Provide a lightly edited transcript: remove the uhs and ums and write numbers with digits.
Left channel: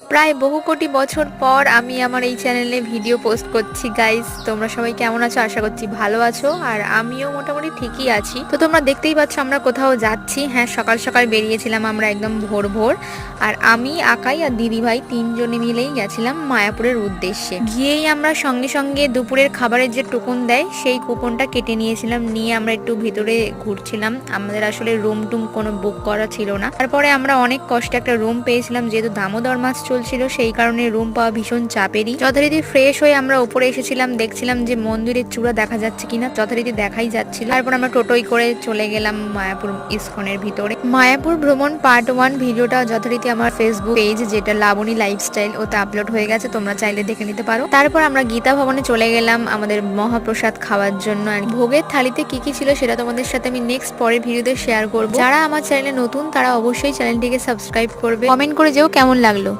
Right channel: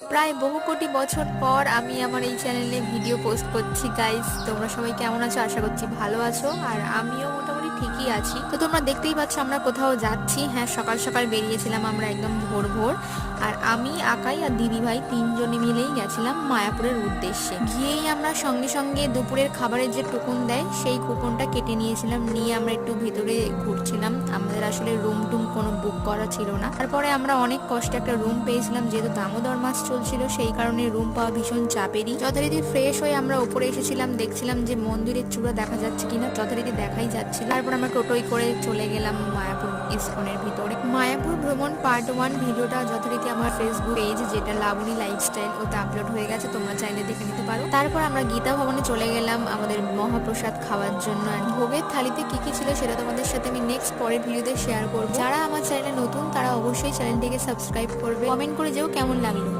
প্রায় বহু কোটি বছর পর আমি আমার এই চ্যানেলে ভিডিও পোস্ট করছি গাইস। তোমরা সবাই কেমন আছো? আশা করছি ভালো আছো, আর আমিও মোটামুটি ঠিকই আছি। তো তোমরা দেখতেই পাচ্ছ আমরা কোথাও যাচ্ছি। হ্যাঁ, সকাল সকাল বেরিয়েছিলাম আমরা একদম ভোর ভোর। আর আমি, আকাই আর দিদি ভাই তিনজনে মিলেই গেছিলাম মায়াপুরের উদ্দেশ্যে। গিয়েই আমরা সঙ্গে সঙ্গে দুপুরের খাবারের যে কুপন দেয় সেই কুপনটা কেটে নিয়েছিলাম। নিয়ে আমরা একটু ভেতরে ঘুরছিলাম। আমাদের আসলে রুম টুম কোনো বুক করা ছিল না। তারপরে আমরা অনেক কষ্টে একটা রুম পেয়েছিলাম, যেহেতু দামোদর মাছ চলছিল সেই কারণে রুম পাওয়া ভীষণ চাপেরই। যথারীতি ফ্রেশ হয়ে আমরা উপরে এসেছিলাম, দেখছিলাম যে মন্দিরের চূড়া দেখা যাচ্ছে কিনা। যথারীতি দেখাই যাচ্ছিল। তারপর আমরা টোটোই করে চলে গেলাম মায়াপুর ইস্কনের ভিতরে। মায়াপুর ভ্রমণ পার্ট 1 ভিডিওটা যথারীতি আমার ফেসবুক পেজ, যেটা লাবণী লাইফস্টাইল, ওতে আপলোড হয়ে গেছে, তোমরা চাইলে দেখে নিতে পারো। তারপর আমরা গীতা ভবনে চলে গেলাম আমাদের মহাপ্রসাদ খাওয়ার জন্য। আর ভোগের থালিতে কি কি ছিল সেটা তোমাদের সাথে আমি নেক্সট পরের ভিডিওতে শেয়ার করবো। যারা আমার চ্যানেলে নতুন তারা অবশ্যই চ্যানেলটিকে সাবস্ক্রাইব করবে, কমেন্ট করে যেও কেমন লাগলো।